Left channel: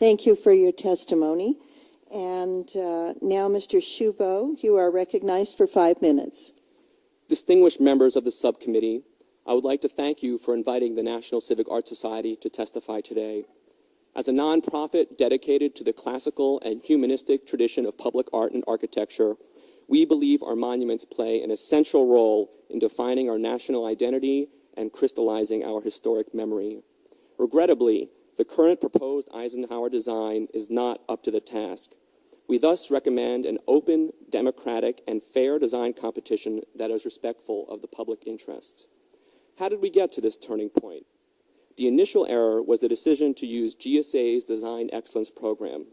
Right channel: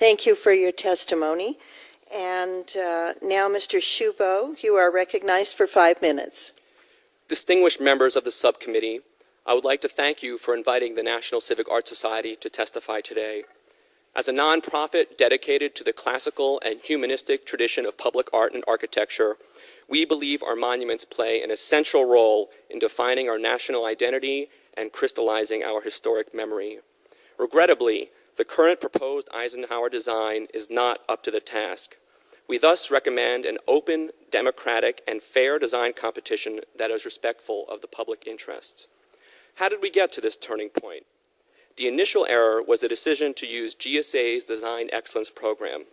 Thank you for your testimony. And now, Mr. Shubow, you are recognized for 5 minutes. Distinguished members of the subcommittee, I would like to thank you for inviting the National Civic Art Society to testify today. As a nonprofit dedicated to the classical and humanistic tradition of public art and architecture, we believe our monuments play an essential role in defining our national identity and crystallizing our historic memory. Regrettably, the current proposed Eisenhower design is not up to the task. We thus recommend an open, democratic, and fair design competition that is respectful of the public interest. How did we get to this turning point? The initial error was the decision to use GSA's Design Excellence Program.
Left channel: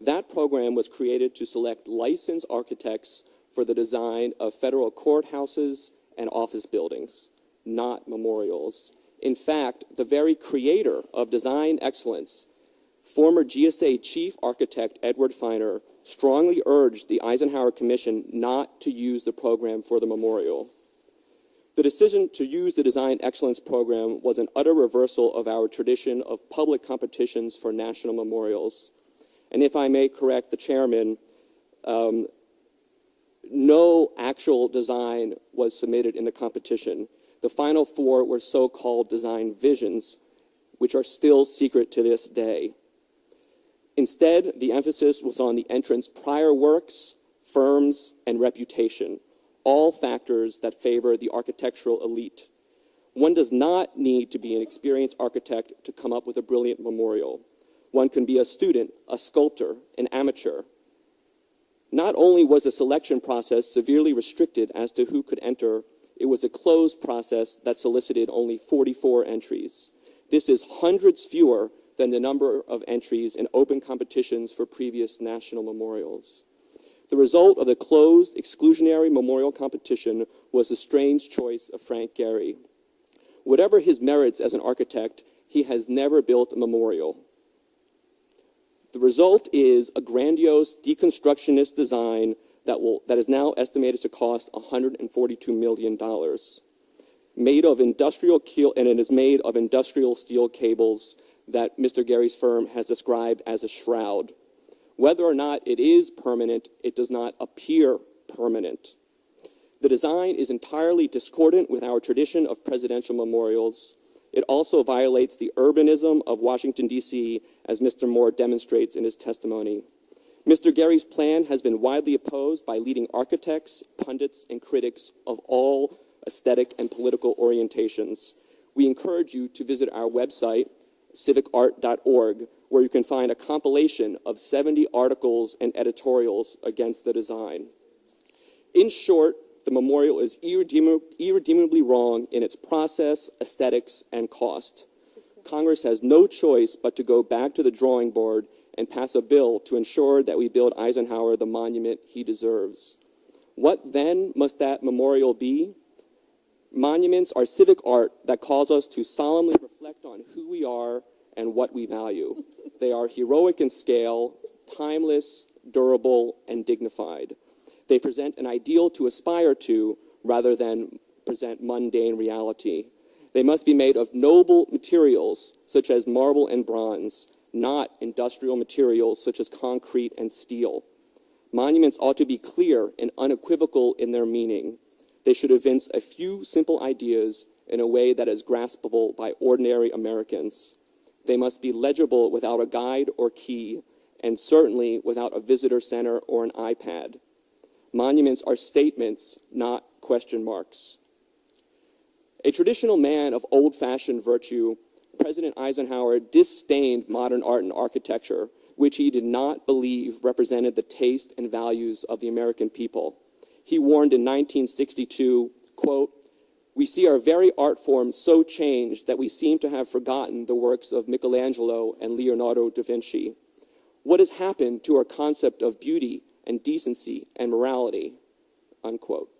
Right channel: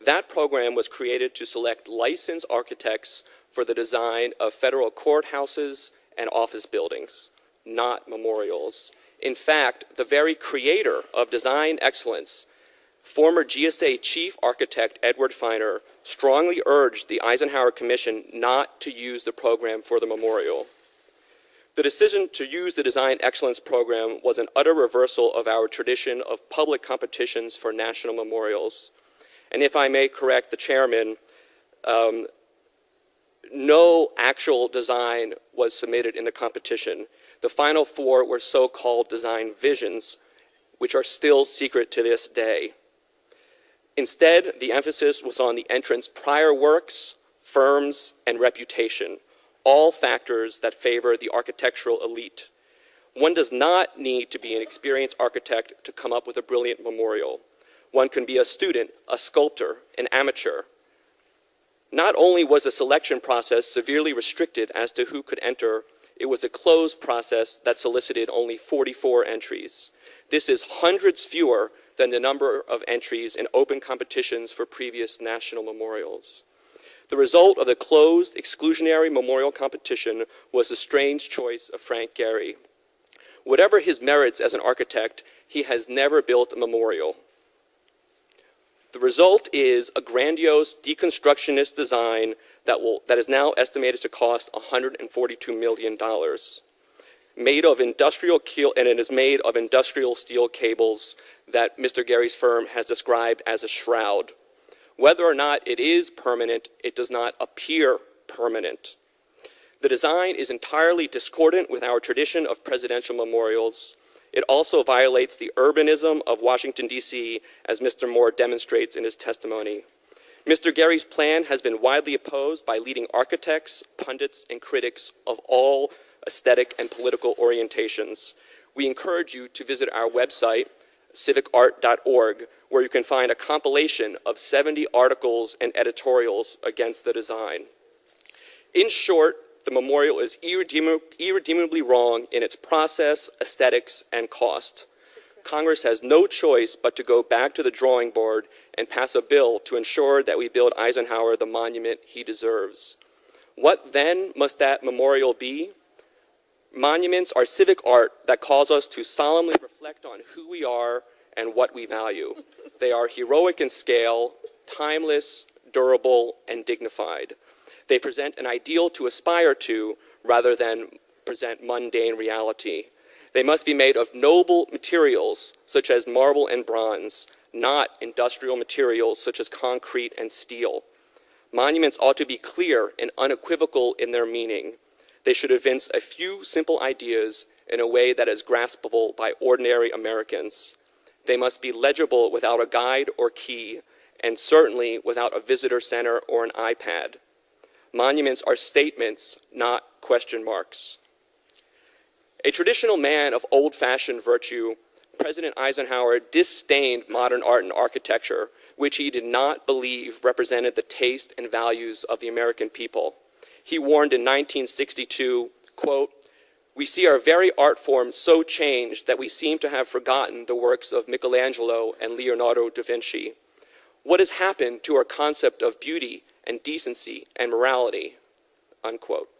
That program was created to select licensed architects for the design of federal courthouses and office buildings, not memorials. In fact, the very creator of Design Excellence, former GSA Chief Architect Edward Feiner, strongly urged the Eisenhower Commission not to use the program for the memorial. The decision to use the Design Excellence Program was an utter reversal of our tradition of public competitions for national memorials. And if I may correct the chairman, no actual design was submitted in the competition. The final 4 were so-called design visions, which are still secret to this day. Instead, the emphasis was on the entrant's prior works, firms, and reputation, all factors that favor the architectural elite. One does not need to be an experienced architect to come up with a brilliant memorial. One can be a student, a sculptor, an amateur. Not only was the selection process severely restricted as to who could enter, it was a closed process that solicited only 44 entries. This is hundreds fewer than the number of entries in open competitions for previous national memorials. The result of the closed, exclusionary memorial competition was the strange choice of Frank Gehry. Whatever his merits as an architect, he has never built a memorial. The result is a grandiose deconstructionist design that is now estimated to cost $142 million. Made of industrial and it is made of industrial steel cables that Mr. Gehry's firm has described as a shroud. Whether or not it is permanent, it does not appear permanent. The design is entirely discordant with our tradition of presidential memorials. It also violates the urbanism of Washington, D.C., as Mr. Moore demonstrates in his testimony. Mr. Gehry's plan has been widely opposed by leading architects, pundits, and critics of all aesthetic and political orientations. We encourage you to visit our website, civicart.org, where you can find a compilation of 70 articles and editorials against the design. In short, the memorial is irredeemably wrong in its process, aesthetics, and cost. Congress has no choice but to go back to the drawing board and pass a bill to ensure that we build Eisenhower the monument he deserves. What then must that memorial be? Monuments are civic art that calls us to solemnly reflect on who we are and what we value. They are heroic in scale, timeless, durable, and dignified. They present an ideal to aspire to rather than present mundane reality. They must be made of noble materials, such as marble and bronze, not industrial materials such as concrete and steel. Monuments ought to be clear and unequivocal in their meaning. They should evince a few simple ideas in a way that is graspable by ordinary Americans. They must be legible without a guide or key, and certainly without a visitor center or an iPad. Monuments are statements, not question marks. A traditional man of old-fashioned virtue, President Eisenhower disdained modern art and architecture, which he did not believe represented the taste and values of the American people. He warned in 1962, quote, "We see our very art forms so changed that we seem to have forgotten the works of Michelangelo and Leonardo da Vinci. What has happened to our concept of beauty and decency and morality?" Unquote.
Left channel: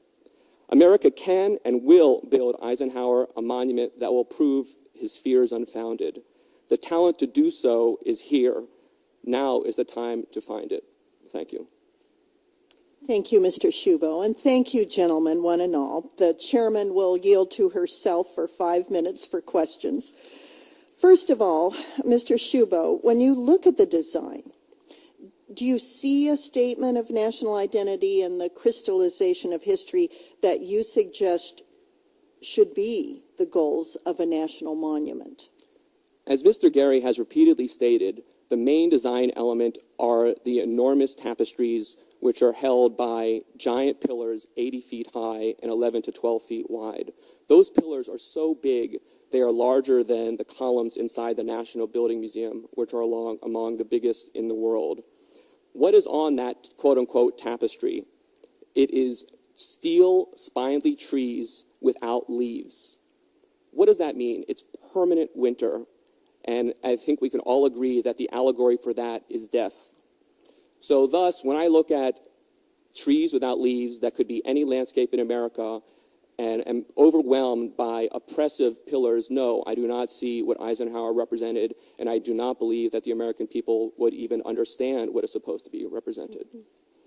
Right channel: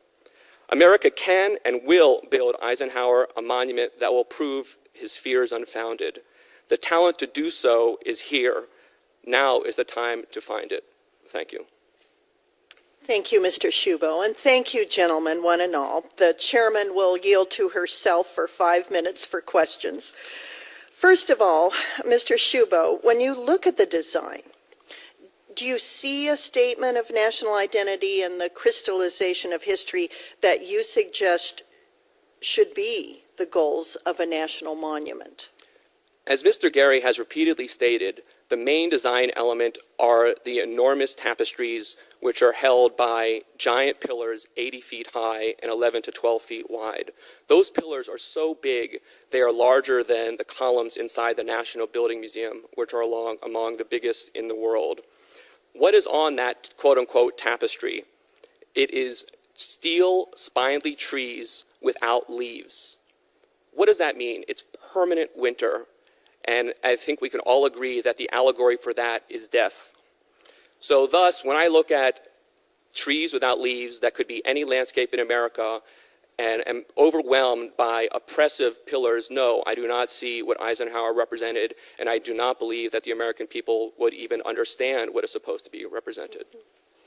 America can and will build Eisenhower a monument that will prove his fears unfounded. The talent to do so is here. Now is the time to find it. Thank you. Thank you, Mr. Shubow, and thank you, gentlemen, one and all. The chairman will yield to herself for 5 minutes for questions. First of all, Mr. Shubow, when you look at the design, do you see a statement of national identity and the crystallization of history that you suggest should be the goals of a national monument? As Mr. Gehry has repeatedly stated, the main design element are the enormous tapestries which are held by giant pillars 80 feet high and 11 to 12 feet wide. Those pillars are so big, they are larger than the columns inside the National Building Museum, which are among the biggest in the world. What is on that quote-unquote tapestry? It is steel spindly trees without leaves. What does that mean? It's permanent winter. And I think we can all agree that the allegory for that is death. So thus, when I look at trees without leaves that could be any landscape in America and am overwhelmed by oppressive pillars, no, I do not see what Eisenhower represented, and I do not believe that the American people would even understand what is supposed to be represented.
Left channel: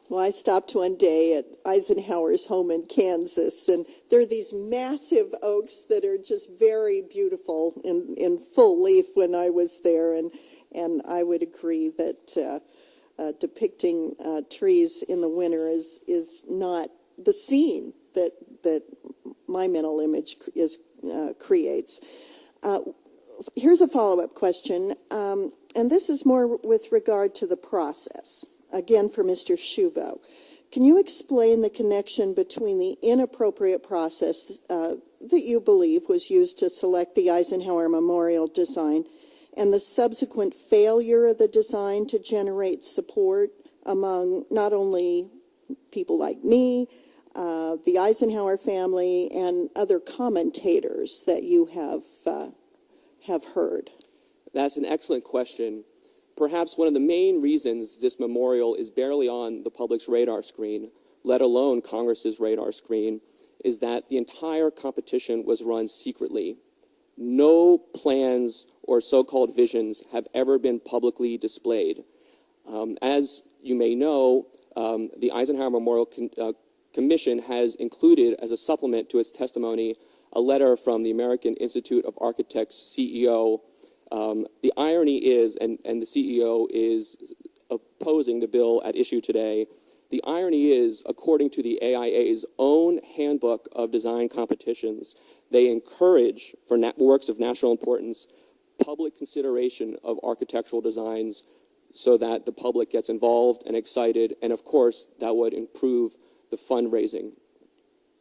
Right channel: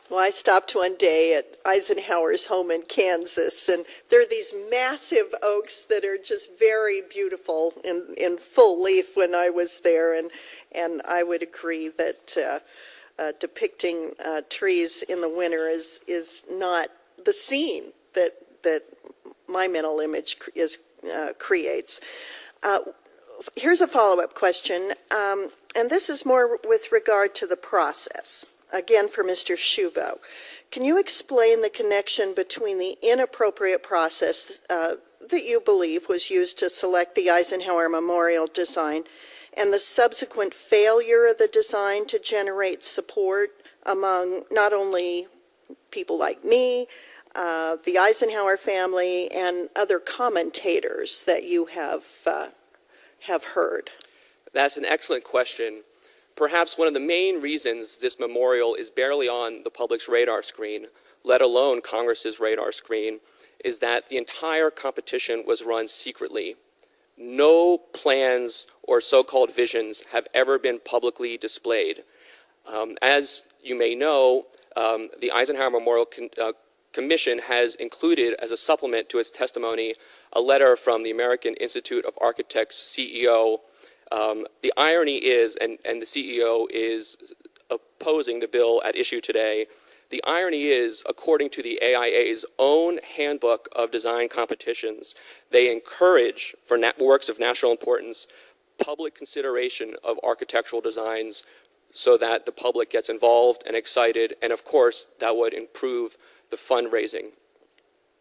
Well, I stopped one day at Eisenhower's home in Kansas, and there are these massive oaks that are just very beautiful in full leaf when I was there, and I would agree that depicting trees in the winter is not the scene that my mental image creates. Here's a follow-up question, and this is more with regard to the process. Again, for Mr. Shubow, can you explain the connection between the inappropriate process that you believe was used to select the Eisenhower Memorial design and the subsequent failure of the design to generate support among not only people like me, the Eisenhower family, and other commentators that you have heard? That's an excellent question. Perhaps one of the main reasons this memorial is barely on the public's radar screen, let alone Congress's radar screen, is that the entire competition was run secretly. No plans or so-called visions have ever been publicly displayed. As you may know, the Eisenhower Memorial Commission has included as a supplement to its testimony a letter from the American Institute of Architects CEO. The irony is, and the CEO is opposing the bill at issue today, the irony is, according to the AIA's own handbook of design competitions, they encourage, for works of national importance, public consideration of architectural designs so that the public gets involved and excited, and of course, that would improve the fundraising.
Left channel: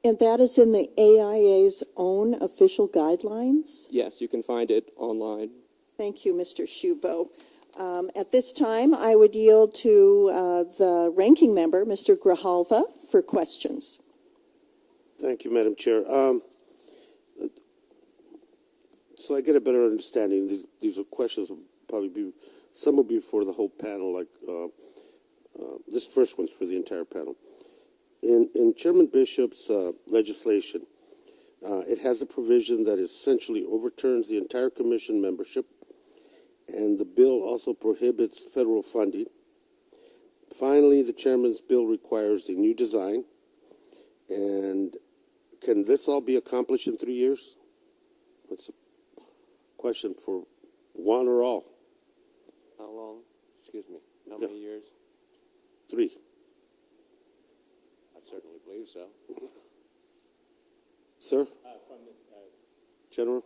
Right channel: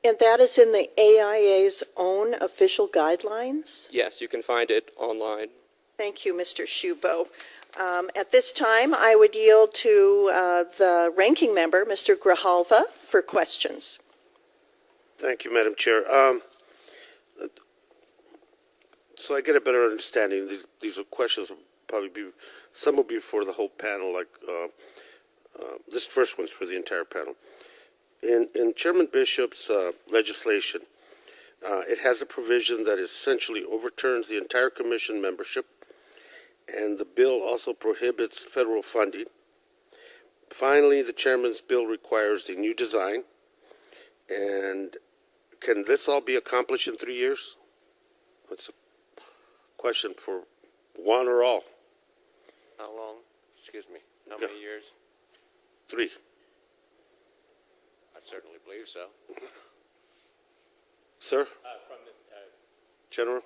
And that is in the AIA's own official guidelines? Yes, you can find it online. Thank you, Mr. Shubow. At this time, I would yield to the ranking member, Mr. Grijalva, for questions. Thank you, Madam Chair. So I get a better understanding. These are questions will probably be, some will be for the whole panel, like this first one's for the entire panel. In Chairman Bishop's legislation, it has a provision that essentially overturns the entire commission membership, and the bill also prohibits federal funding. Finally, the chairman's bill requires the new design. And can this all be accomplished in 3 years? That's a question for one or all. How long? Excuse me. How many years? 3. I certainly believe so. Sir? General?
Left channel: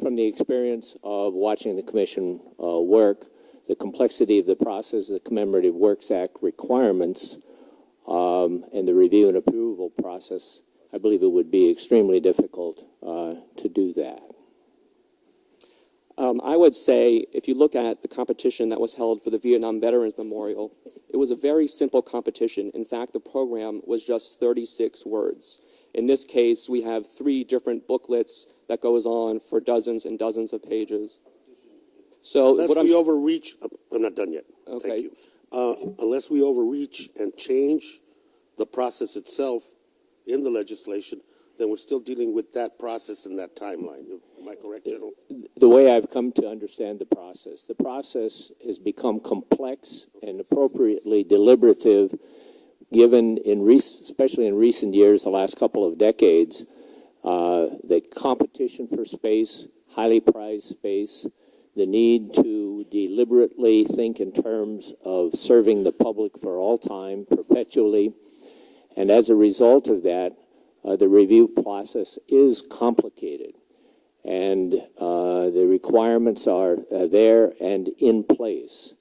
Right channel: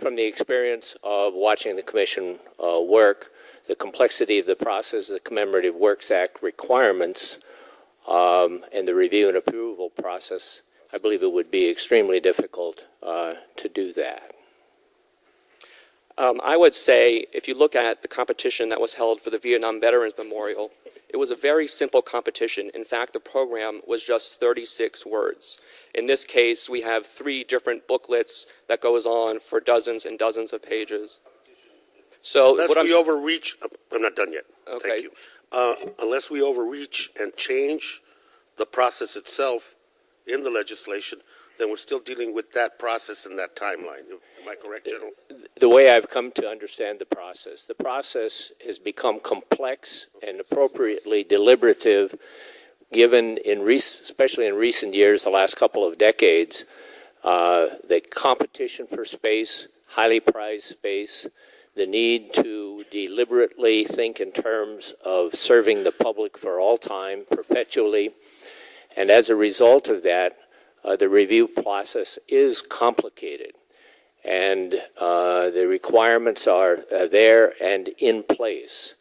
From the experience of watching the commission work, the complexity of the process, the Commemorative Works Act requirements, and the review and approval process, I believe it would be extremely difficult to do that. I would say, if you look at the competition that was held for the Vietnam Veterans Memorial, it was a very simple competition. In fact, the program was just 36 words. In this case, we have 3 different booklets that goes on for dozens and dozens of pages. So Unless we overreach, I'm not done yet. Okay. Thank you. Unless we overreach and change the process itself in the legislation, then we're still dealing with that process and that timeline. Am I correct, General? The way I've come to understand the process has become complex and appropriately deliberative, given especially in recent years, the last couple of decades, the competition for space, highly prized space, the need to deliberately think in terms of serving the public for all time, perpetually. And as a result of that, the review process is complicated. And the requirements are there and in place.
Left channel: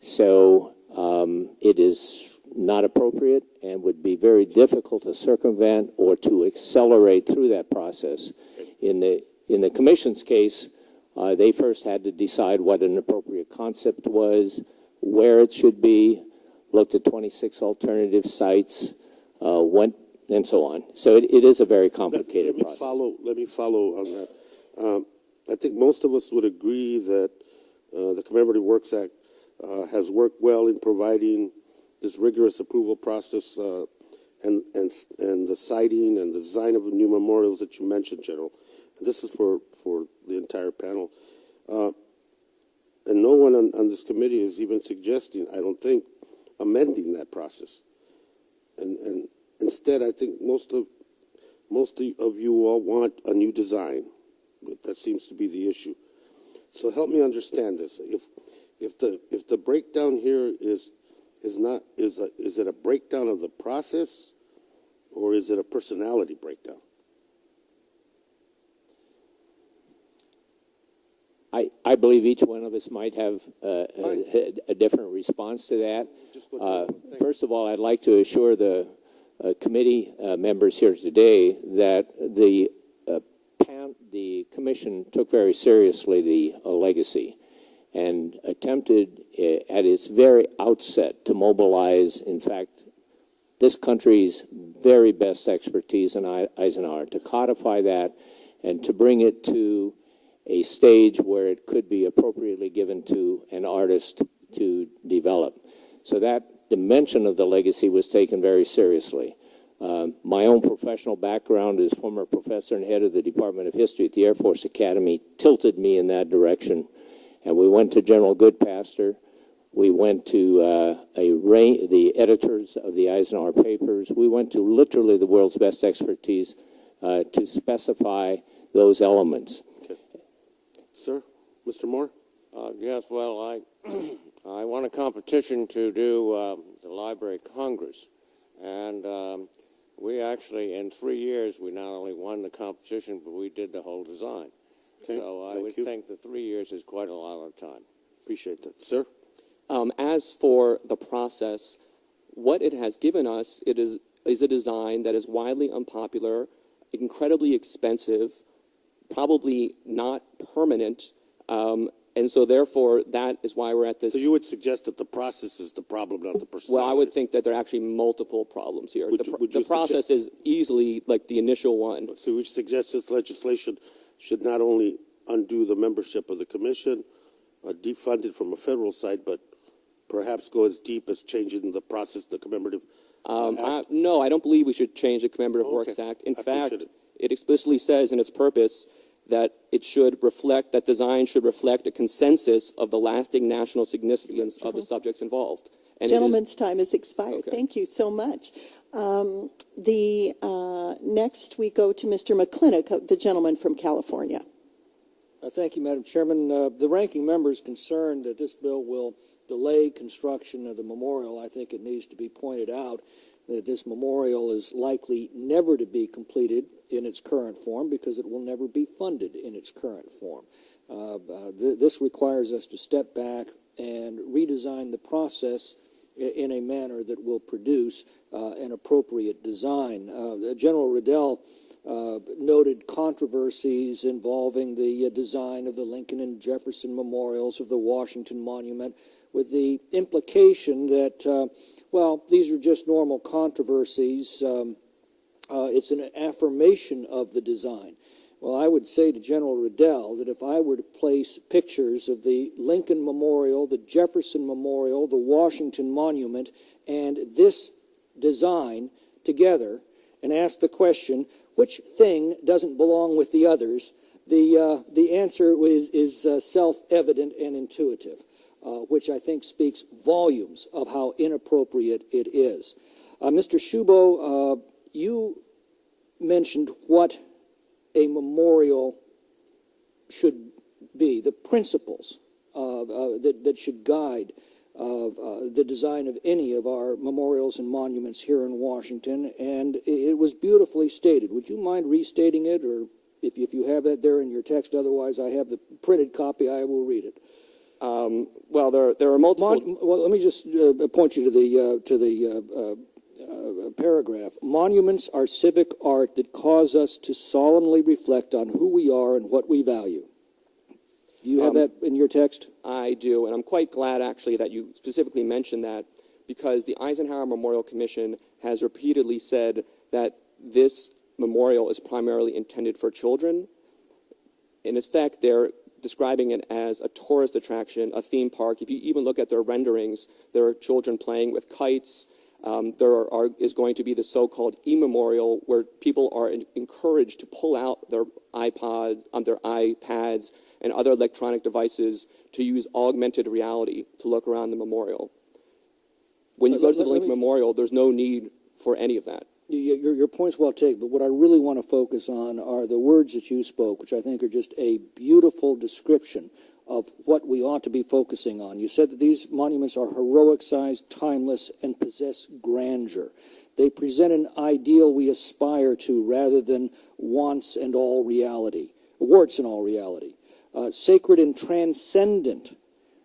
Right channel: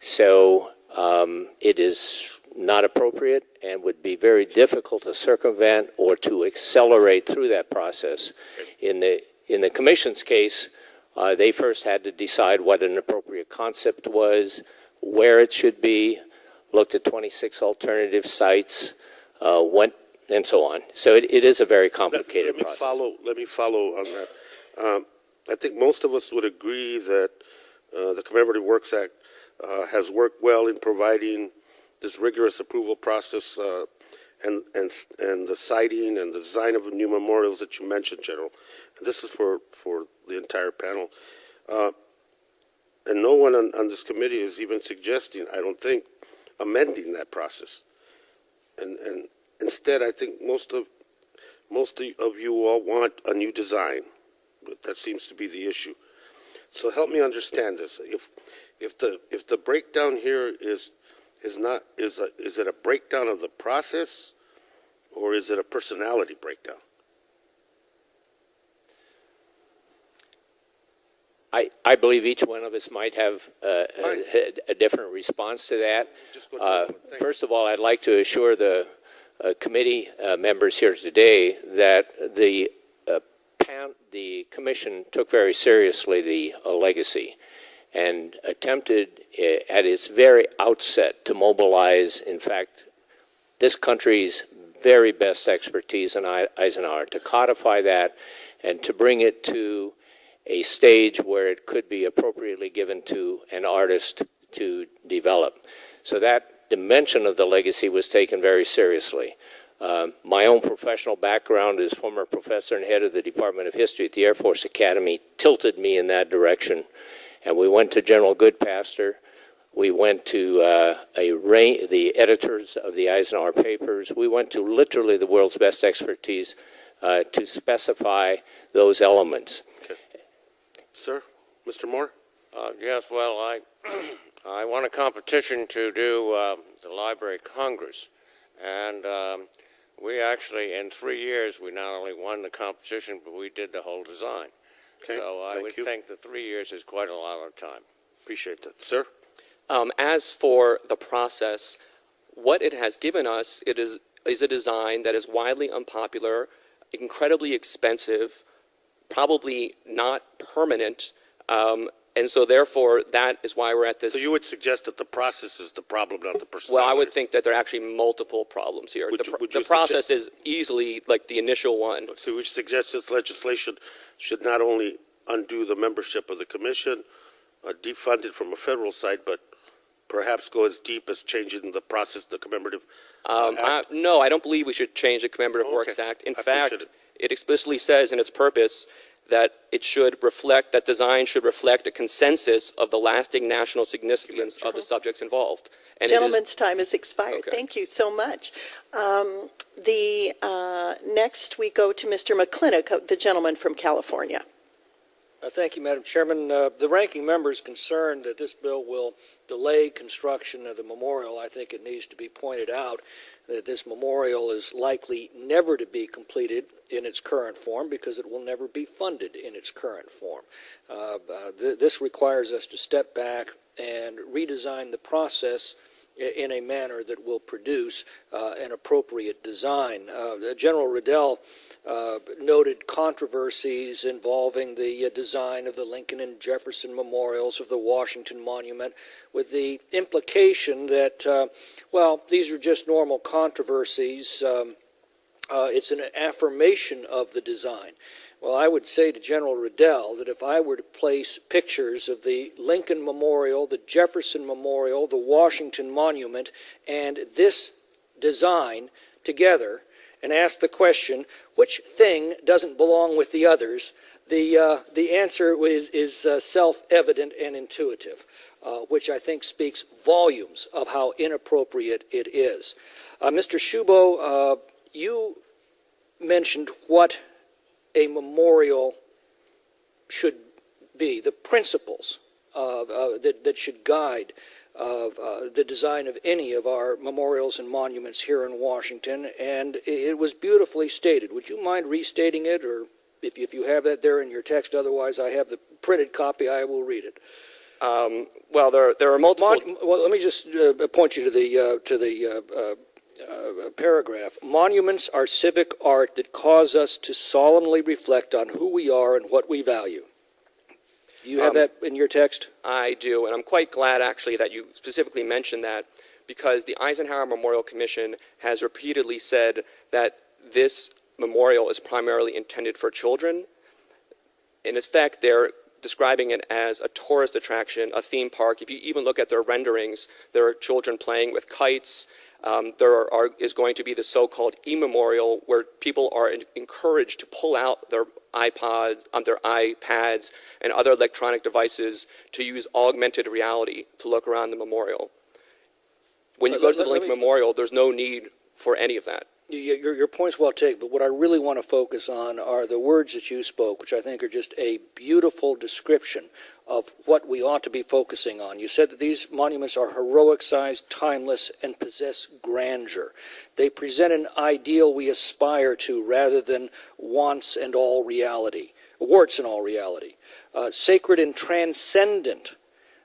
So it is not appropriate and would be very difficult to circumvent or to accelerate through that process. In the Commission's case, they first had to decide what an appropriate concept was, where it should be, looked at 26 alternative sites, went, and so on. So it is a very complicated process. Let me follow on that. I think most of us would agree that the Commemorative Works Act has worked well in providing this rigorous approval process and the citing and the design of new memorials that you mentioned, General. And this is for the entire panel. And no one on this committee is even suggesting, I don't think, amending that process. And instead, I think most of you all want a new design. But that seems to be the issue. So help me understand this. If the breakdown here is it a breakdown of the process, or is it a personality breakdown? I believe each one of us might have a different response to that. First of all, I'd like to assure the committee members here today that the Commission took very seriously the legacy and attempted at its very outset to mobilize, in fact, this country's very best expertise in Eisenhower, to codify that and to bring it to a stage where it could be appropriately given to an artist to develop. So that dimension of the legacy was taken very seriously. My own professional background as former professor and head of the Department of History at the Air Force Academy tilted me in that direction. And we went to General Goodpaster. We went to the editors of the Eisenhower papers. We went to literally the world's best expertise to specify those elements. Okay. Sir, Mr. Moore? Yes, well, I won a competition to do the Library of Congress. And we actually, in 3 years, we not only won the competition, but we did the whole design. Okay, so I would think that 3 years is quite a lot of time. Appreciate that. Sir? As for the process, what it has given us is a design that is widely unpopular, incredibly expensive, probably not permanent, and so therefore that is why we're at this. So you would suggest that the process is the problem, not the personality? Well, I would think that there are actually multiple problems here. The process is easily like the initial one. So we suggest this legislation should not only undo the membership of the commission, defund it from a federal side, but perhaps go as deep as changing the process, the commemorative act? No, I don't believe we should change the Commemorative Works Act. In fact, it explicitly says in its purpose that it should reflect, that design should reflect a consensus of the lasting national significance of the subjects involved. And Gentleman's time has expired. Okay. Thank you so much. Next we go to Mr. McClintock, the gentleman from California. Thank you, Madam Chairman. The ranking member is concerned that this bill will delay construction of the memorial. I think it needs to be pointed out that this memorial is likely never to be completed in its current form because it will never be funded in its current form. This requires us to step back and redesign the process in a manner that will produce an appropriate design. General Riddell noted controversies involving the design of the Lincoln and Jefferson memorials, of the Washington Monument, with the implication that, well, these are just normal controversies. It's an affirmation of the design. Well, I would say to General Riddell that if I were to place pictures of the Lincoln Memorial, the Jefferson Memorial, the Washington Monument, and this design together, and ask the question, which thing doesn't belong with the others, the answer is self-evident and intuitive, which I think speaks volumes of how inappropriate it is. Mr. Shubow, you mentioned what a memorial should be, the principles that should guide the design of any of our memorials and monuments here in Washington, and it was beautifully stated. Would you mind restating it, or if you have that there in your text? Otherwise, I have the printed copy. I will read it. Well, there are multiple. Well, let me just point you to the paragraph. Monuments are civic art that cause us to solemnly reflect on who we are and what we value. Do you have that in your text? I do, and I'm quite glad, actually, that you specifically mentioned that, because the Eisenhower Memorial Commission has repeatedly said that this memorial is primarily intended for children. In effect, they're describing it as a tourist attraction, a theme park. If you even look at their renderings, there are children playing with kites. There is going to be the so-called e-memorial, where people are encouraged to pull out their iPods, their iPads, and other electronic devices to use augmented reality to look around the memorial. When you go to the Lincoln Memorial, there's no need for any of that. Your point's well taken, but what I really want to focus on are the words that you spoke, which I think are just a beautiful description of what we ought to be focusing on. You said that these monuments are heroic-sized, timeless, and possess grandeur. They present an ideal we aspire to rather than warts and all reality. Sacred and transcendent.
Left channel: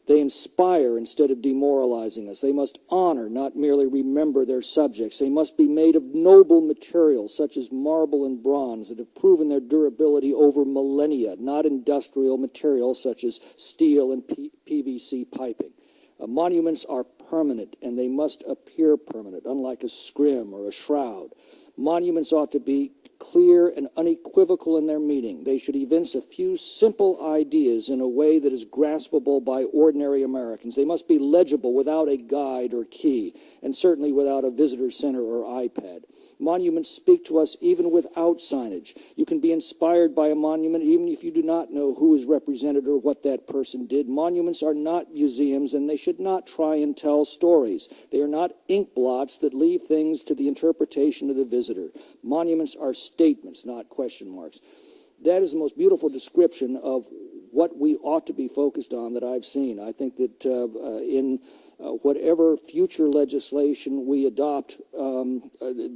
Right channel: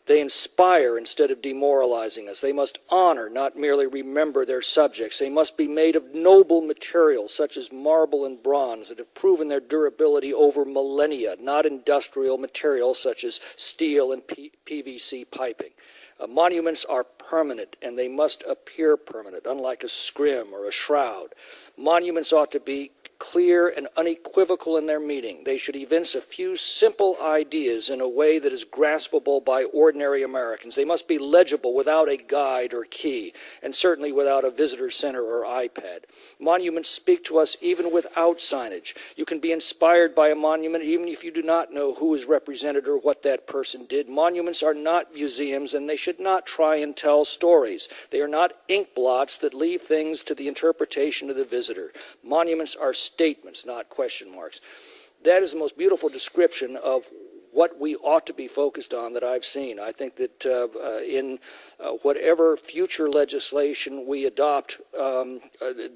They inspire instead of demoralizing us. They must honor, not merely remember their subjects. They must be made of noble materials, such as marble and bronze, that have proven their durability over millennia, not industrial materials such as steel and PVC piping. Monuments are permanent, and they must appear permanent, unlike a scrim or a shroud. Monuments ought to be clear and unequivocal in their meaning. They should evince a few simple ideas in a way that is graspable by ordinary Americans. They must be legible without a guide or key, and certainly without a visitor center or iPad. Monuments speak to us even without signage. You can be inspired by a monument even if you do not know who is represented or what that person did. Monuments are not museums, and they should not try and tell stories. They are not ink blots that leave things to the interpretation of the visitor. Monuments are statements, not question marks. That is the most beautiful description of what we ought to be focused on that I've seen. I think that in whatever future legislation we adopt,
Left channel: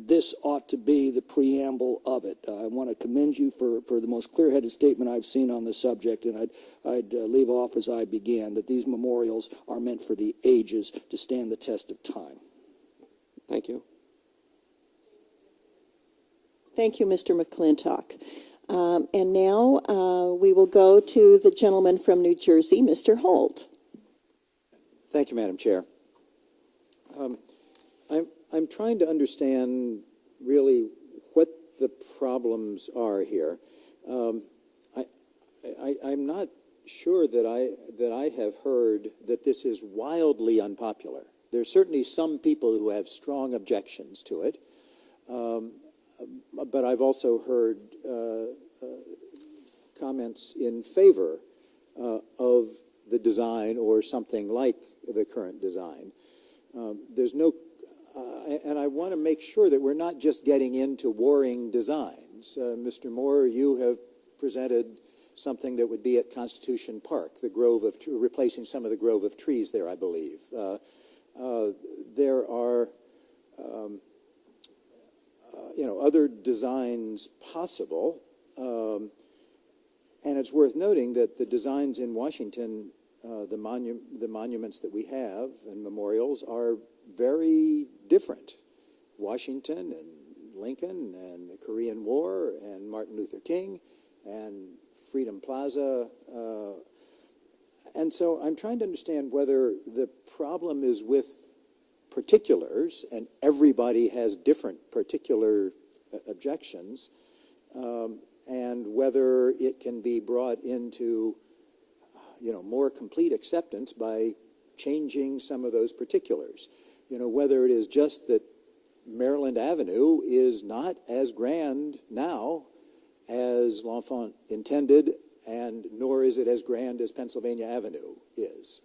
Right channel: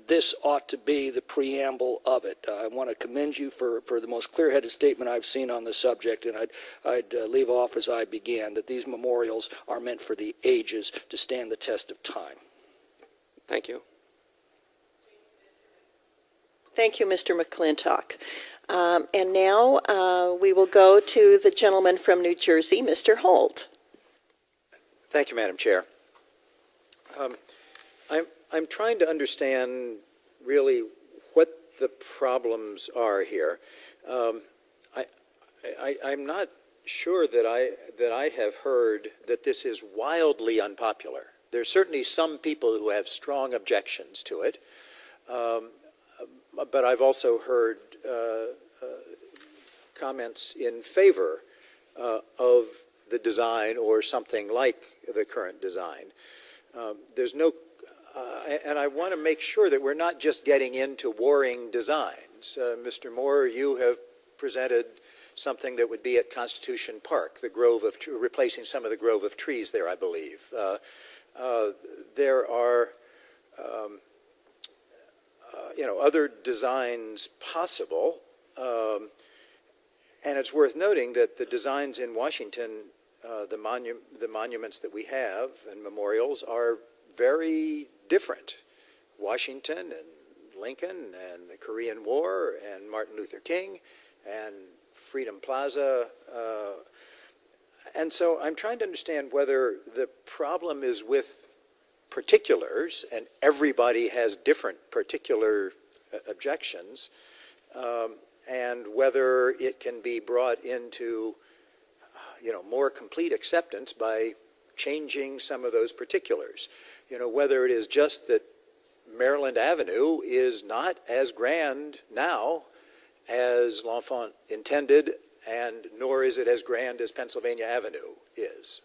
this ought to be the preamble of it. I want to commend you for the most clear-headed statement I've seen on the subject, and I'd leave off as I began, that these memorials are meant for the ages to stand the test of time. Thank you. Thank you, Mr. McClintock. And now we will go to the gentleman from New Jersey, Mr. Holt. Thank you, Madam Chair. I'm trying to understand really what the problems are here. I'm not sure that I have heard that this is wildly unpopular. There's certainly some people who have strong objections to it. But I've also heard comments in favor of the design or something like the current design. There's no, and I want to make sure that we're not just getting into warring designs. Mr. Moore, you have presented something that would be at Constitution Park, the grove of, replacing some of the grove of trees there, I believe. There are other designs possible, and it's worth noting that the designs in Washington, the monuments that we have and memorials are very different. Washington and Lincoln and the Korean War and Martin Luther King and Freedom Plaza. And so I'm trying to understand whether the problem is with particulars, and everybody has different particular objections, and whether it can be brought into, more complete acceptance by changing some of those particulars. Whether it is just that Maryland Avenue is not as grand now as L'Enfant intended, and nor is it as grand as Pennsylvania Avenue is.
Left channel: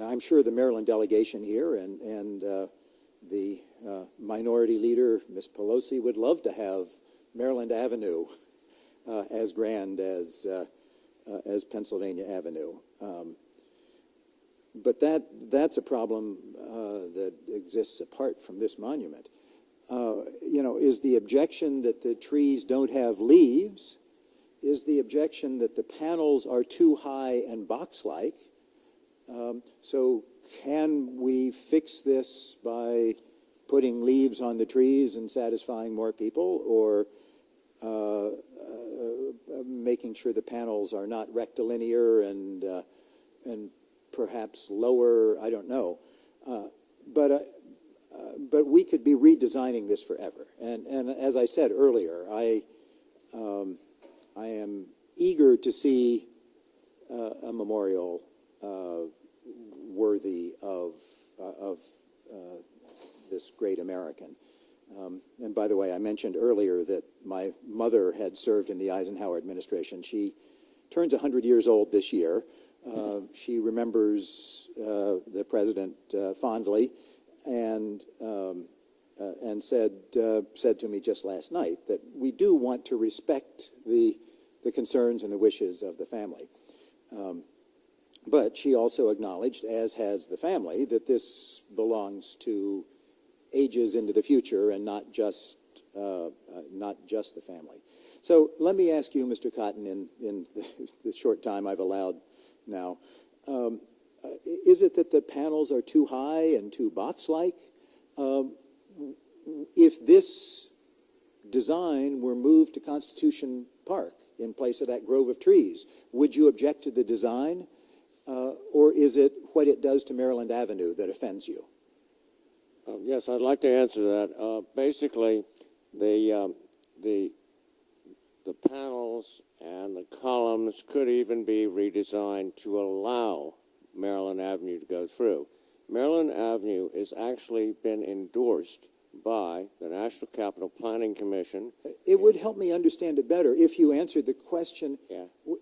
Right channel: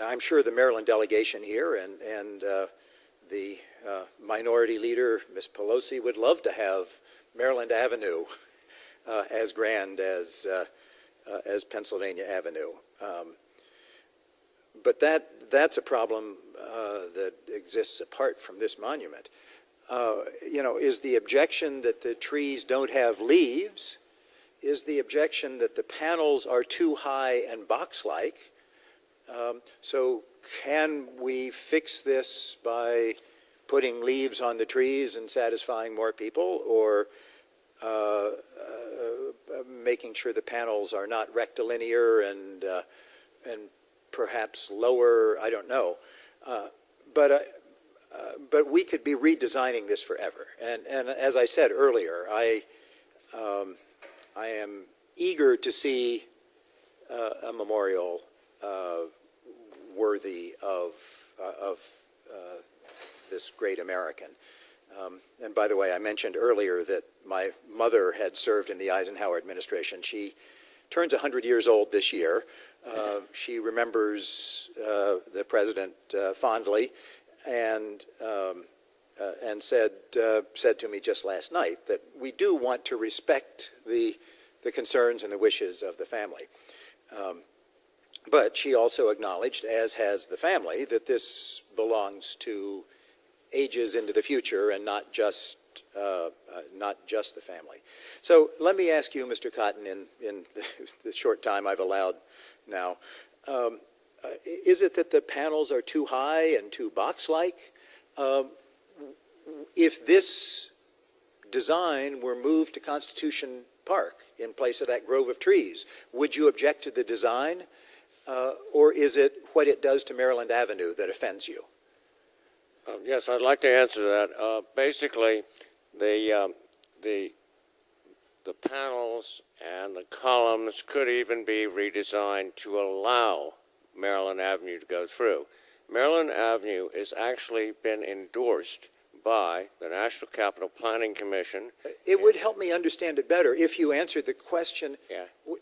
I'm sure the Maryland delegation here and the minority leader, Ms. Pelosi, would love to have Maryland Avenue as grand as Pennsylvania Avenue. But that's a problem that exists apart from this monument. Is the objection that the trees don't have leaves? Is the objection that the panels are too high and box-like? So can we fix this by putting leaves on the trees and satisfying more people, or making sure the panels are not rectilinear and perhaps lower? I don't know. But we could be redesigning this forever. And as I said earlier, I am eager to see a memorial worthy of this great American. And by the way, I mentioned earlier that my mother had served in the Eisenhower administration. She turns 100 years old this year. She remembers the president fondly, and said to me just last night that we do want to respect the concerns and the wishes of the family. But she also acknowledged, as has the family, that this belongs to ages into the future and not just the family. So let me ask you, Mr. Cotton, in the short time I've allowed now, is it that the panels are too high and too box-like? If this design were moved to Constitution Park in place of that grove of trees, would you object to the design? Or is it what it does to Maryland Avenue that offends you? Yes, I'd like to answer that. Basically, the panels and the columns could even be redesigned to allow Maryland Avenue to go through. Maryland Avenue has actually been endorsed by the National Capital Planning Commission. It would help me understand it better if you answered the question,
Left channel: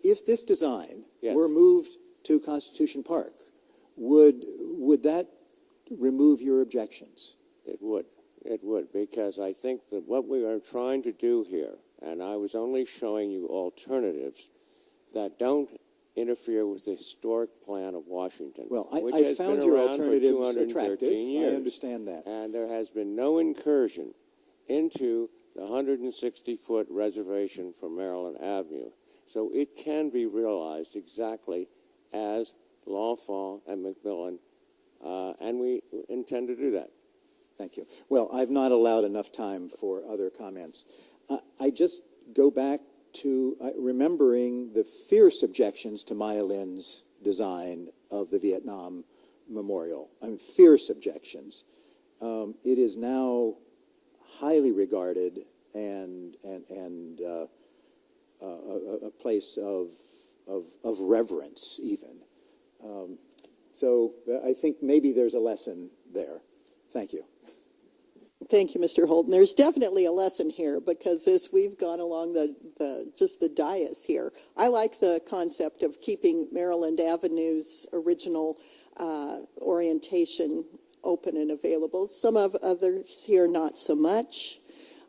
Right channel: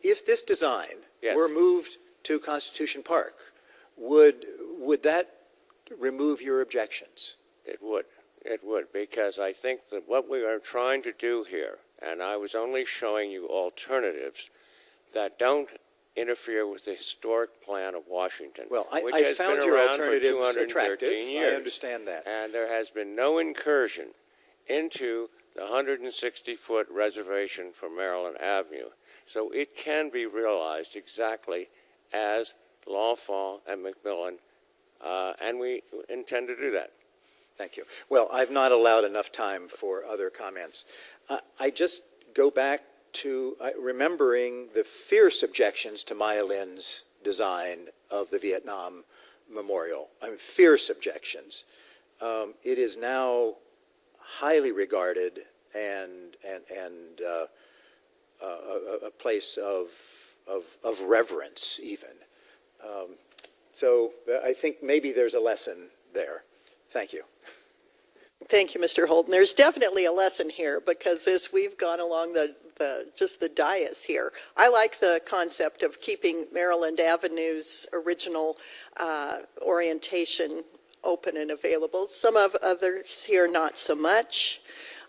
if this design were moved to Constitution Park, would that remove your objections? It would, because I think that what we are trying to do here, and I was only showing you alternatives that don't interfere with the historic plan of Washington. Well, which I has found been your around for alternatives 213 attractive. years. I understand that. And there has been no incursion into the 160-foot reservation for Maryland Avenue. So it can be realized exactly as Lawfall and Macmillan, and we intend to do that. Thank you. Well, I've not allowed enough time for other comments. I just go back to remembering the fierce objections to Maya Lin's design of the Vietnam Memorial. Fierce objections. It is now highly regarded and a place of reverence, even. So I think maybe there's a lesson there. Thank you. Thank you, Mr. Holden. There's definitely a lesson here, because as we've gone along just the dais here, I like the concept of keeping Maryland Avenue's original orientation open and available. Some of others here, not so much.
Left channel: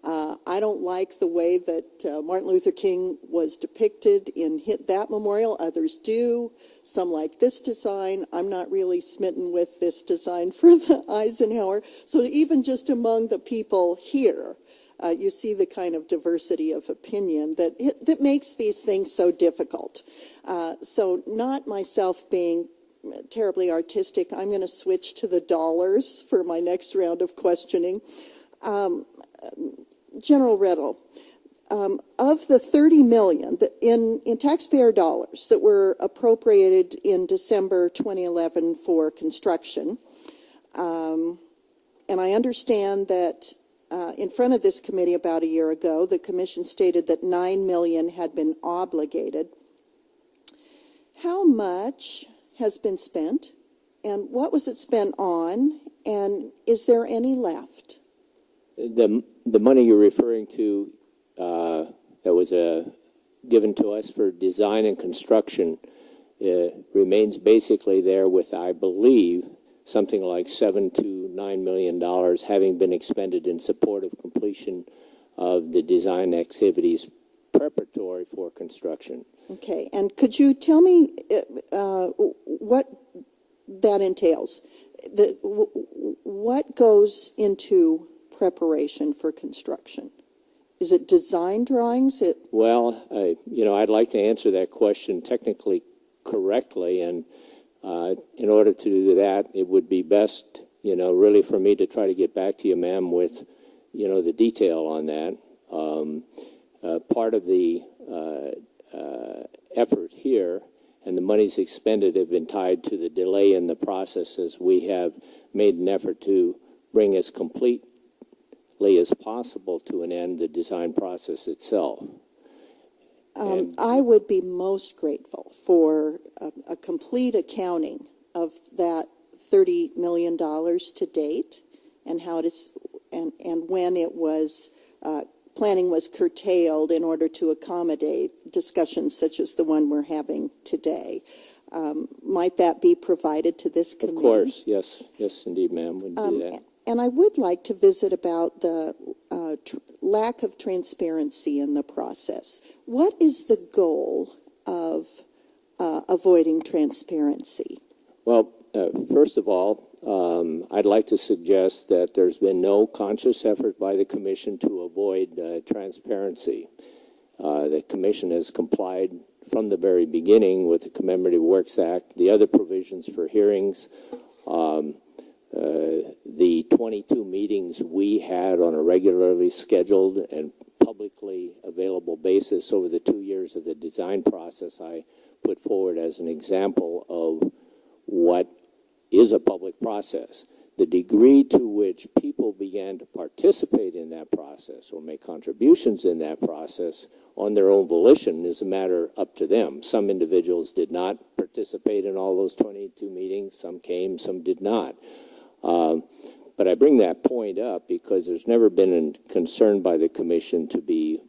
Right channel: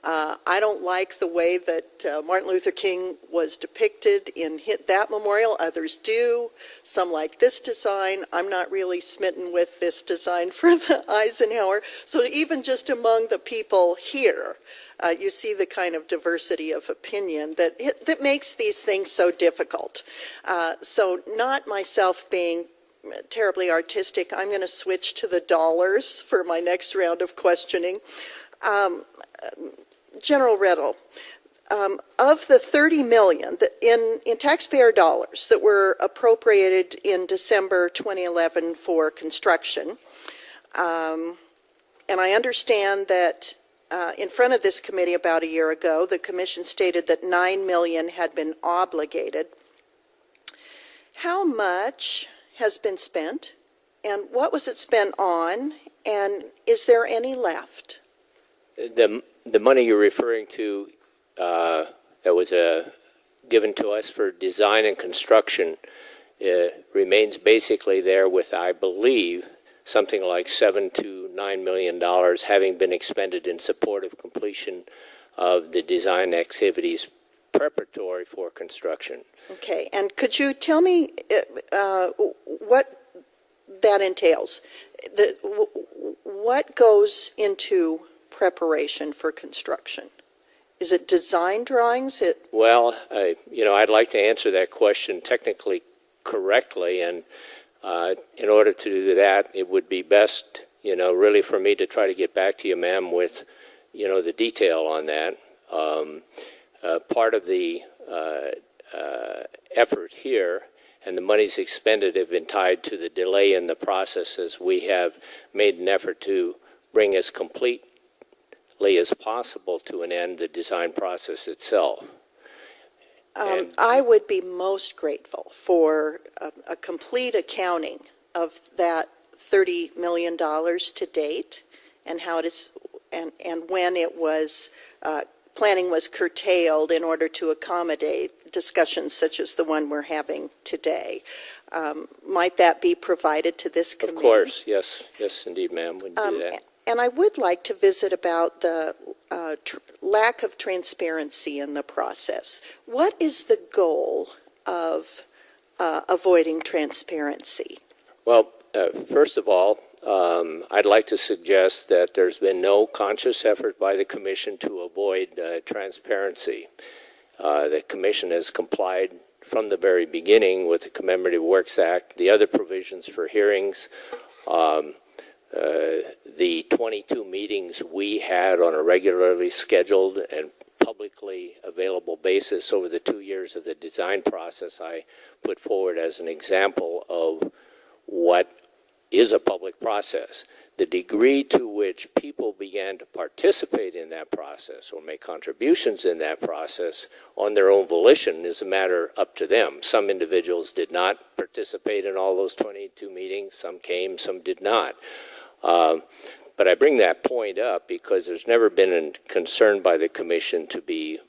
I don't like the way that Martin Luther King was depicted in that memorial. Others do. Some like this design. I'm not really smitten with this design for the Eisenhower. So even just among the people here, you see the kind of diversity of opinion that makes these things so difficult. So not myself being terribly artistic, I'm going to switch to the dollars for my next round of questioning. General Riddle, of the $30 million in taxpayer dollars that were appropriated in December 2011 for construction, and I understand that in front of this committee about a year ago, the commission stated that $9 million had been obligated. How much has been spent, and what was it spent on, and is there any left? The money you're referring to that was given to us for design and construction remains basically there with, I believe, something like $7 to $9 million having been expended in support of completion of the design activities preparatory for construction. Okay, and could you tell me what that entails? What goes into preparation for construction? Is it design drawings? Well, I'd like to answer that question technically correctly, and in order to do that, it would be best, really for me to try to get back to you, ma'am, with, the detail on that. Part of the effort here and the monies expended have been tied to the delay in the process, as we have made an effort to bring as completely as possible to an end the design process itself. I would be most grateful for a complete accounting of that $30 million to date, and how it is, and when it was planning was curtailed in order to accommodate discussions such as the one we're having today. Might that be provided to this committee? Of course, yes, indeed, ma'am, we'd do that. And I would like to visit about the lack of transparency in the process. What is the goal of avoiding transparency? Well, first of all, I'd like to suggest that there's been no conscious effort by the Commission to avoid transparency. The Commission has complied from the very beginning with the Commemorative Works Act, the other provisions for hearings, the 22 meetings we had on a regularly scheduled and publicly available basis over the 2 years of the design process. I put forward as an example of what is a public process. The degree to which people began to participate in that process or make contributions in that process on their own volition is a matter up to them. Some individuals did not participate in all those 22 meetings. Some came, some did not. But I bring that point up because there's never been a concern by the Commission to be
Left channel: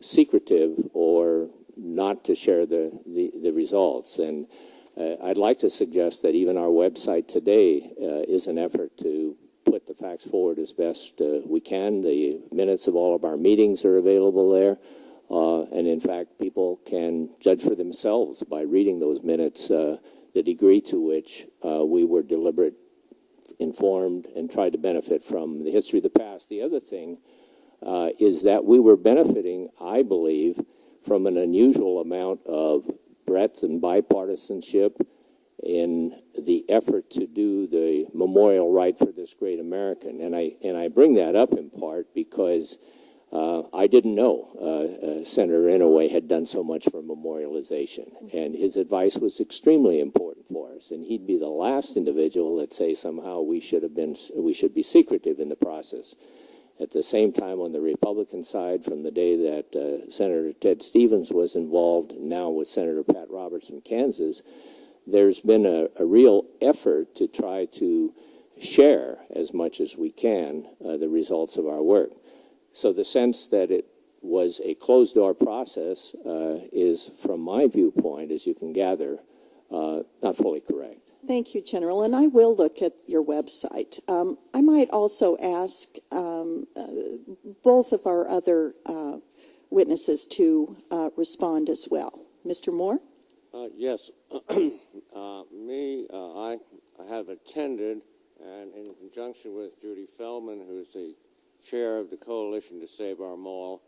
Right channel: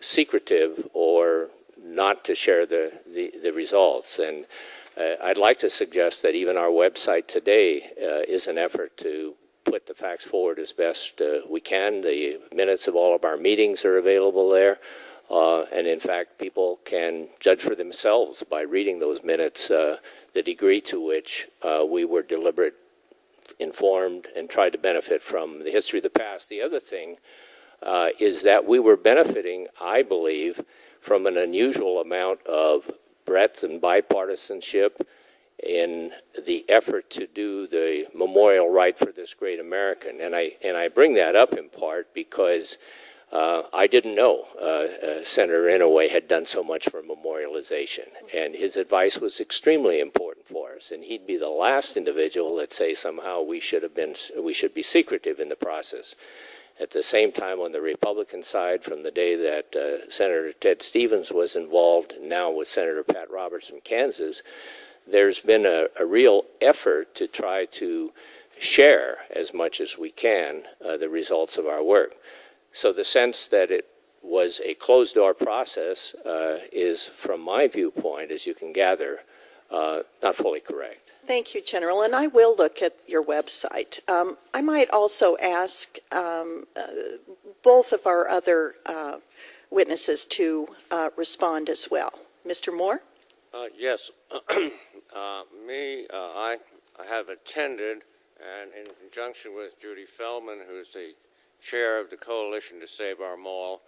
secretive or not to share the results. And I'd like to suggest that even our website today is an effort to put the facts forward as best we can. The minutes of all of our meetings are available there. And in fact, people can judge for themselves by reading those minutes the degree to which we were deliberate, informed, and tried to benefit from the history of the past. The other thing is that we were benefiting, I believe, from an unusual amount of breadth and bipartisanship in the effort to do the memorial right for this great American. And I bring that up in part because I didn't know Senator Inouye had done so much for memorialization, and his advice was extremely important for us. And he'd be the last individual that say somehow we should be secretive in the process. At the same time, on the Republican side, from the day that Senator Ted Stevens was involved, and now with Senator Pat Roberts from Kansas, there's been a real effort to try to share as much as we can the results of our work. So the sense that it was a closed-door process is, from my viewpoint, as you can gather, not fully correct. Thank you, General, and I will look at your website. I might also ask both of our other witnesses to respond as well. Mr. Moore? Yes. I have attended, and in conjunction with Judy Feldman, who's the chair of the Coalition to Save Our Mall,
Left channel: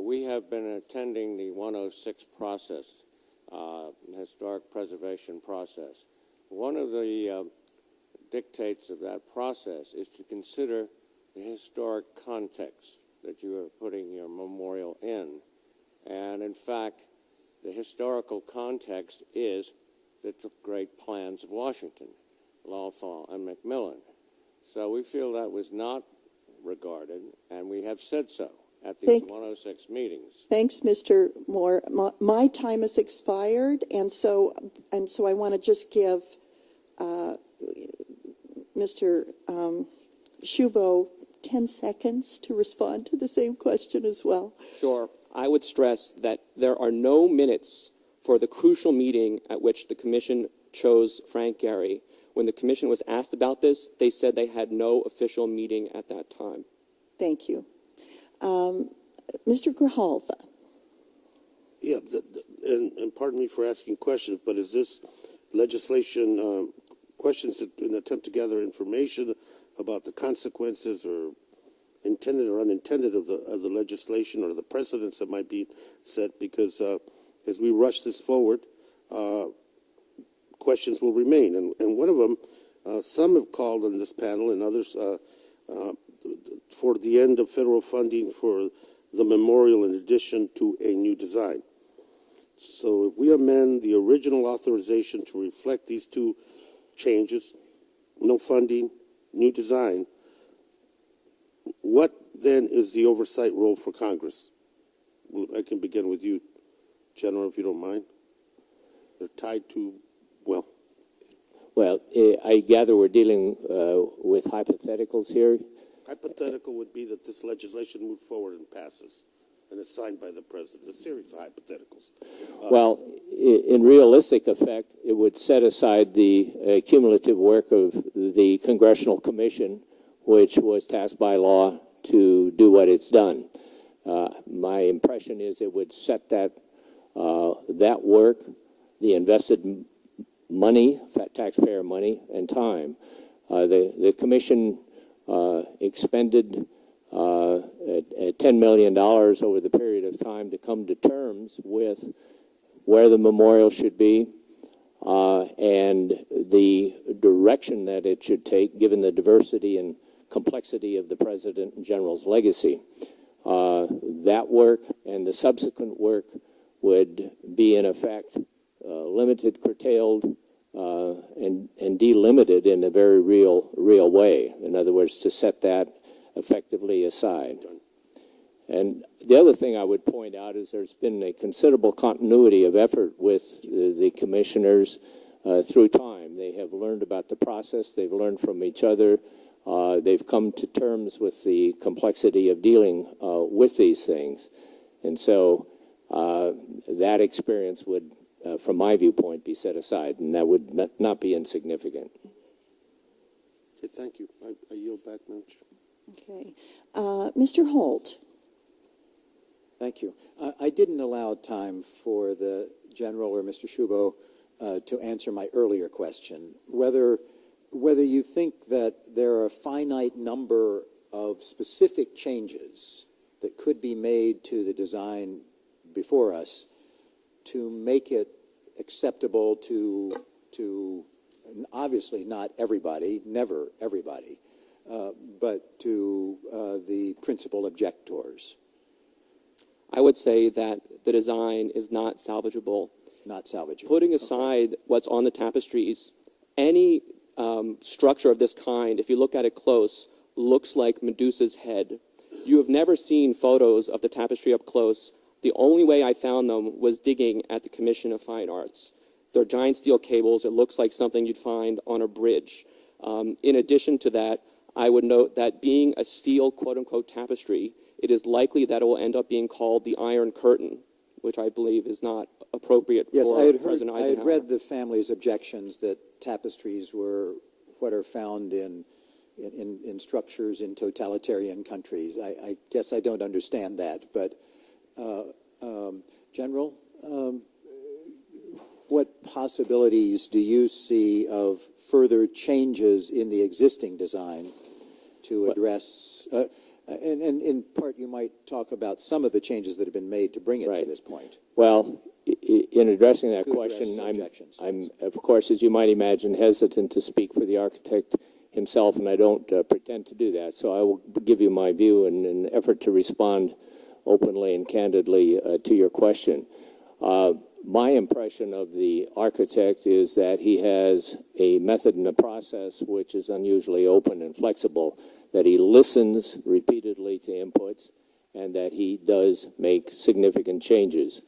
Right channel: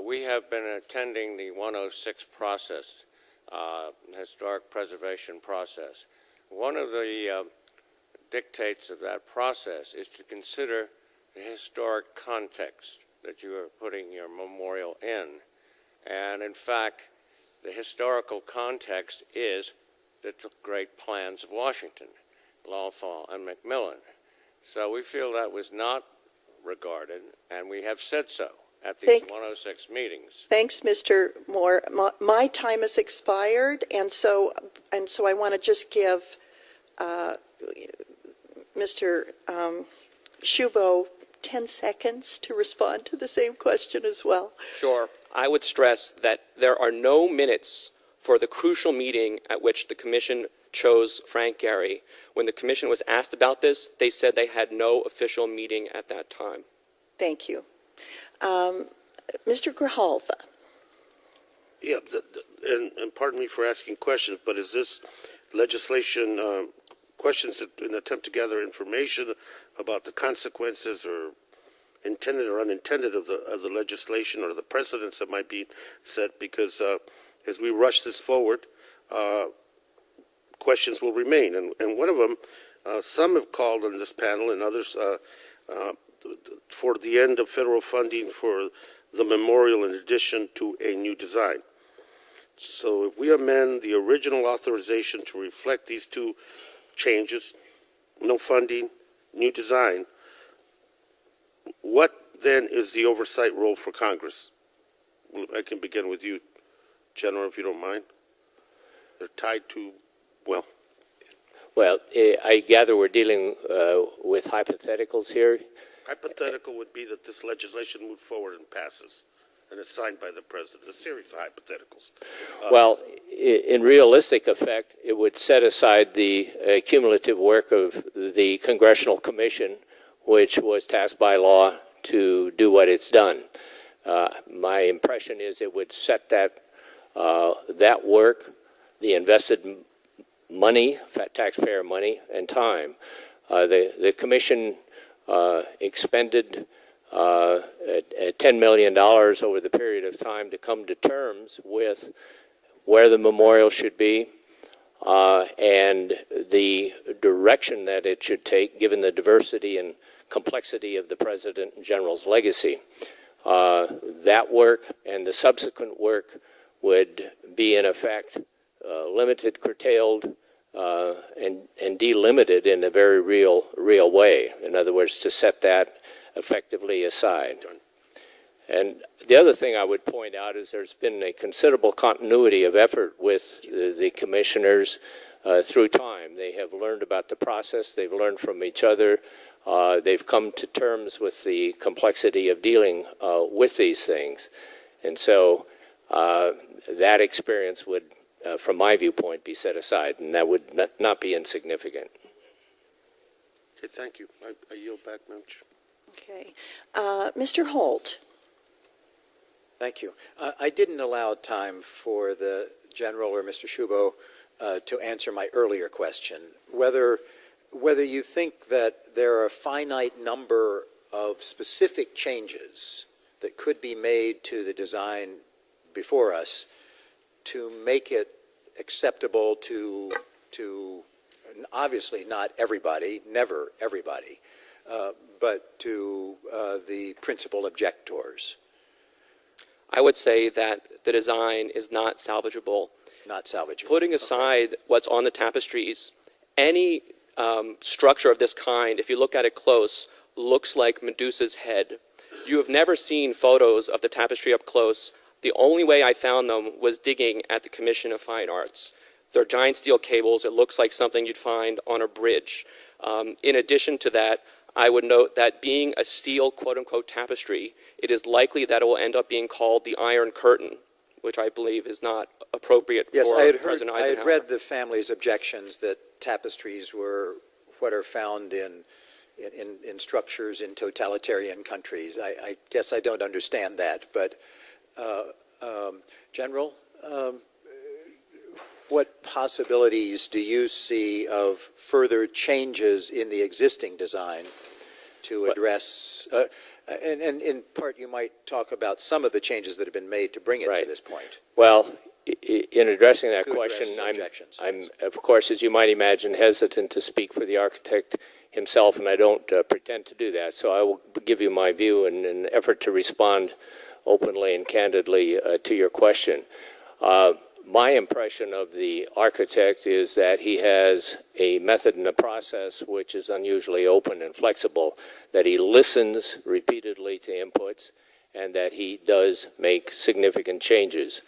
we have been attending the 106 process, historic preservation process. One of the dictates of that process is to consider the historic context that you are putting your memorial in. And in fact, the historical context is the great plans of Washington, L'Enfant and Macmillan. So we feel that was not regarded, and we have said so at these 106 meetings. Thanks, Mr. Moore. My time has expired, and so I want to just give Mr. Shubow 10 seconds to respond to the same question as well. Sure. I would stress that there are no minutes for the crucial meeting at which the Commission chose Frank Gehry. When the Commission was asked about this, they said they had no official meeting at that time. Thank you. Mr. Grijalva. Yeah, and pardon me for asking questions, but is this legislation questions in an attempt to gather information about the consequences or intended or unintended of the legislation or the precedents that might be set? Because as we rush this forward, questions will remain. And one of them, some have called on this panel and others for the end of federal funding for the memorial in addition to a new design. So if we amend the original authorization to reflect these two changes, no funding, new design, what then is the oversight role for Congress? I can begin with you, General, if you don't mind. They're tied to, well. Well, I gather we're dealing with hypotheticals here. Hypothetical would be that this legislation moves forward and passes, and it's signed by the president. A series of hypotheticals. Well, in realistic effect, it would set aside the cumulative work of the Congressional Commission, which was tasked by law to do what it's done. My impression is it would set that work, the invested money, taxpayer money, and time. The Commission expended $10 million over the period of time to come to terms with where the memorial should be and the direction that it should take, given the diversity and complexity of the President and General's legacy. That work and the subsequent work would be, in effect, limited, curtailed, and delimited in a very real way. In other words, to set that effectively aside. And the other thing I would point out is there's been a considerable continuity of effort with the commissioners through time. They have learned about the process. They've learned from each other. They've come to terms with the complexity of dealing with these things. And so that experience would, from my viewpoint, be set aside, and that would not be insignificant. Okay, thank you. I yield back, Madam Chair. Okay. Mr. Holt. Thank you. I didn't allow time for the General or Mr. Shubow to answer my earlier question, whether you think that there are a finite number of specific changes that could be made to the design before us to make it acceptable to obviously not everybody, never everybody, but to the principal objectors. I would say that the design is not salvageable. Not salvageable. Putting aside what's on the tapestries, any structure of this kind, if you look at it close, looks like Medusa's head. You have never seen photos of the tapestry up close. The only way I found them was digging at the Commission of Fine Arts. They're giant steel cables. It looks like something you'd find on a bridge. In addition to that, I would note that being a steel quote-unquote tapestry, it is likely that it will end up being called the Iron Curtain, which I believe is not appropriate for President Eisenhower. I had read the family's objections that tapestries were what are found in structures in totalitarian countries. I guess I don't understand that, but General, what possibilities do you see of further changes in the existing design to address, and in part you might talk about some of the changes that have been made to bring it to this point. Well, in addressing that question, I'm, of course, as you might imagine, hesitant to speak for the architect himself, and I don't pretend to do that. So I will give you my view in an effort to respond openly and candidly to your question. My impression of the architect is that he has a method and a process which is unusually open and flexible, that he listens repeatedly to inputs, and that he does make significant changes.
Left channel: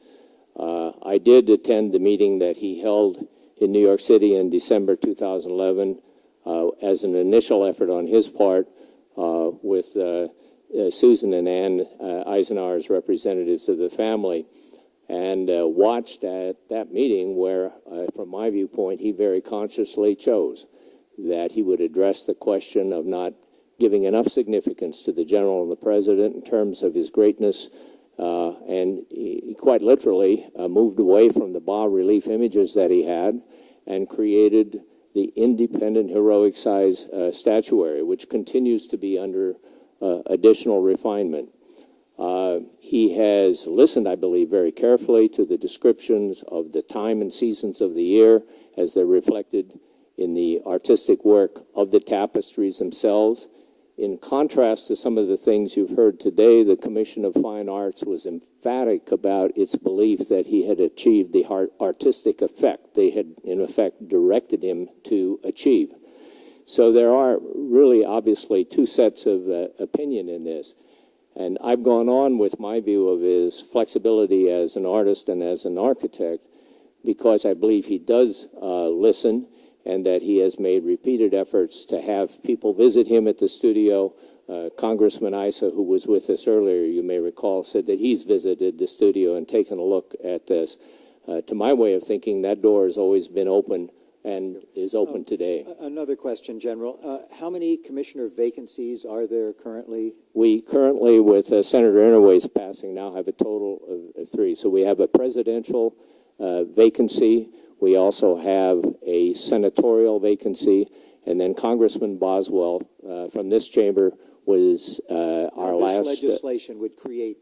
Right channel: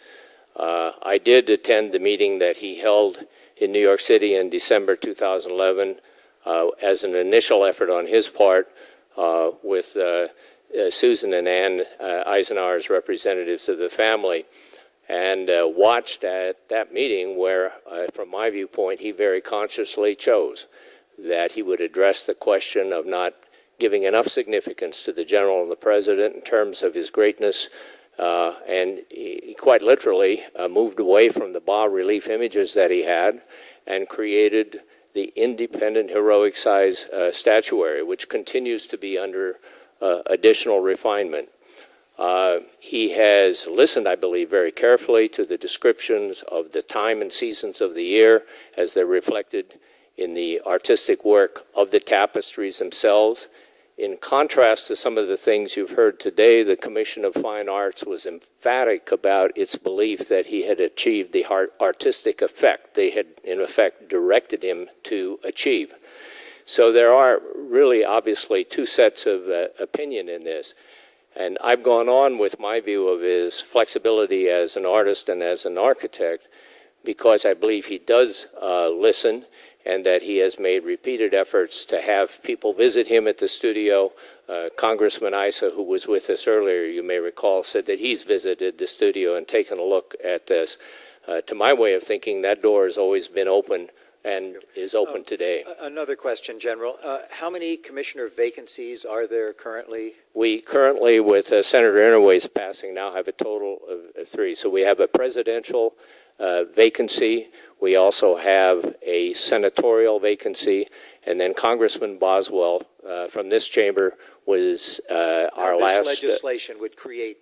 I did attend the meeting that he held in New York City in December 2011 as an initial effort on his part with Susan and Ann Eisenhower's representatives of the family, and watched at that meeting where, from my viewpoint, he very consciously chose that he would address the question of not giving enough significance to the General and the President in terms of his greatness And he quite literally moved away from the bas-relief images that he had and created the independent heroic size statuary, which continues to be under additional refinement. He has listened, I believe, very carefully to the descriptions of the time and seasons of the year as they're reflected in the artistic work of the tapestries themselves. In contrast to some of the things you've heard today, the Commission of Fine Arts was emphatic about its belief that he had achieved the artistic effect they had, in effect, directed him to achieve. So there are really, obviously, two sets of opinion in this. And I've gone on with my view of his flexibility as an artist and as an architect because I believe he does listen, and that he has made repeated efforts to have people visit him at the studio. Congressman Issa, who was with us earlier, you may recall, said that he's visited the studio and taken a look at this. To my way of thinking, that door has always been open and is open today. Another question, General. How many commissioner vacancies are there currently? We currently, with Senator Inouye's passing, now have a total of 3. So we have a presidential vacancy. We also have a senatorial vacancy, and then Congressman Boswell from this chamber was our last. This legislation would create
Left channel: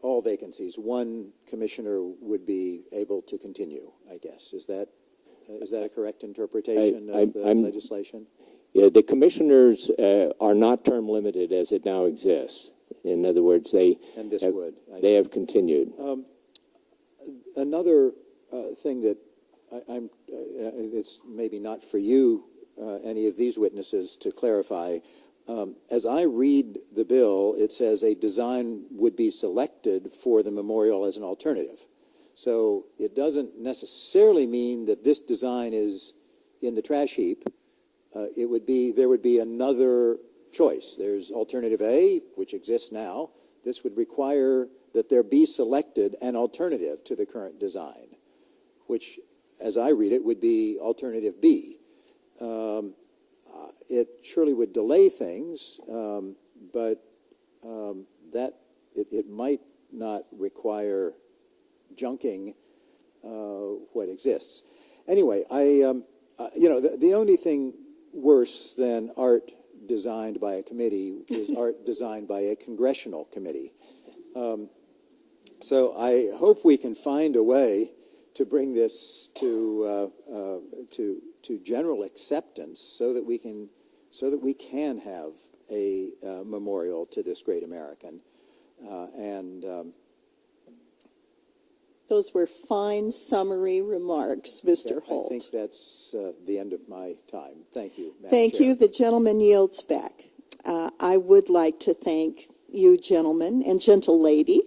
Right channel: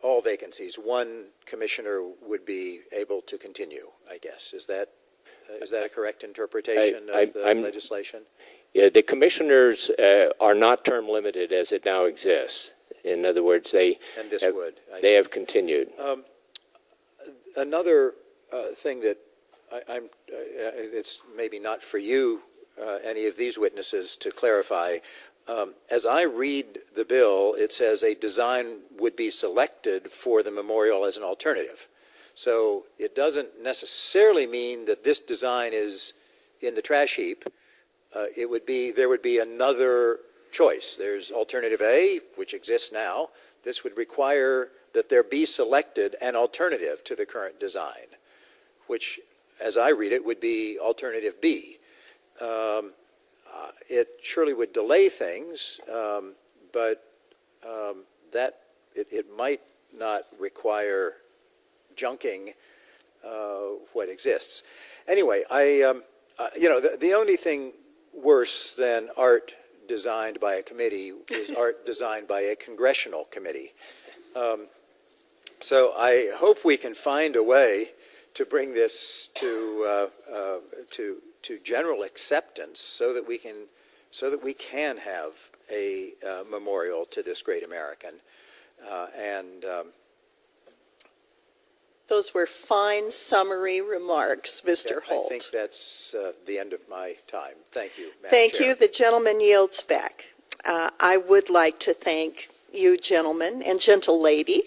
all vacancies. One commissioner would be able to continue, I guess. Is that a correct interpretation of the legislation? Yeah, the commissioners are not term limited as it now exists. In other words, they have continued. Another thing that it's maybe not for you, any of these witnesses, to clarify. As I read the bill, it says a design would be selected for the memorial as an alternative. So it doesn't necessarily mean that this design is in the trash heap. There would be another choice. There's alternative A, which exists now. This would require that there be selected an alternative to the current design, which, as I read it, would be alternative B. It surely would delay things, but it might not require junking what exists. Anyway, the only thing worse than art designed by a committee is art designed by a congressional committee. So I hope we can find a way to bring this to general acceptance, so that we can have a memorial to this great American. Those were fine summary remarks, Mr. Holt. I think that's the end of my time. Thank you, Madam Thank Chair. you. The gentleman yields back. I would like to thank you, gentlemen and gentle lady,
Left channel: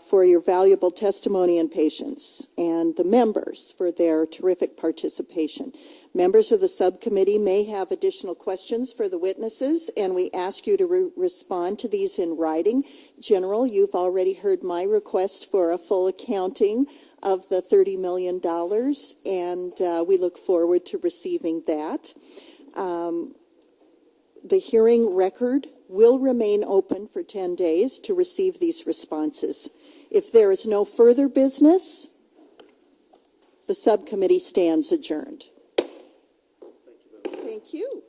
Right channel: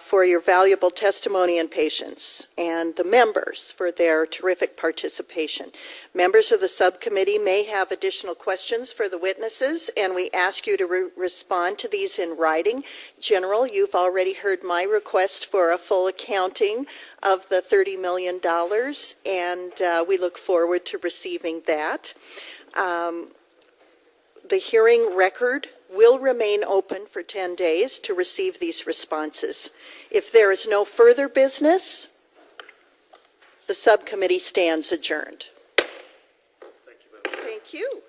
for your valuable testimony and patience, and the members for their terrific participation. Members of the subcommittee may have additional questions for the witnesses, and we ask you to respond to these in writing. General, you've already heard my request for a full accounting of the $30 million, and we look forward to receiving that. The hearing record will remain open for 10 days to receive these responses. If there is no further business, the subcommittee stands adjourned. Thank you.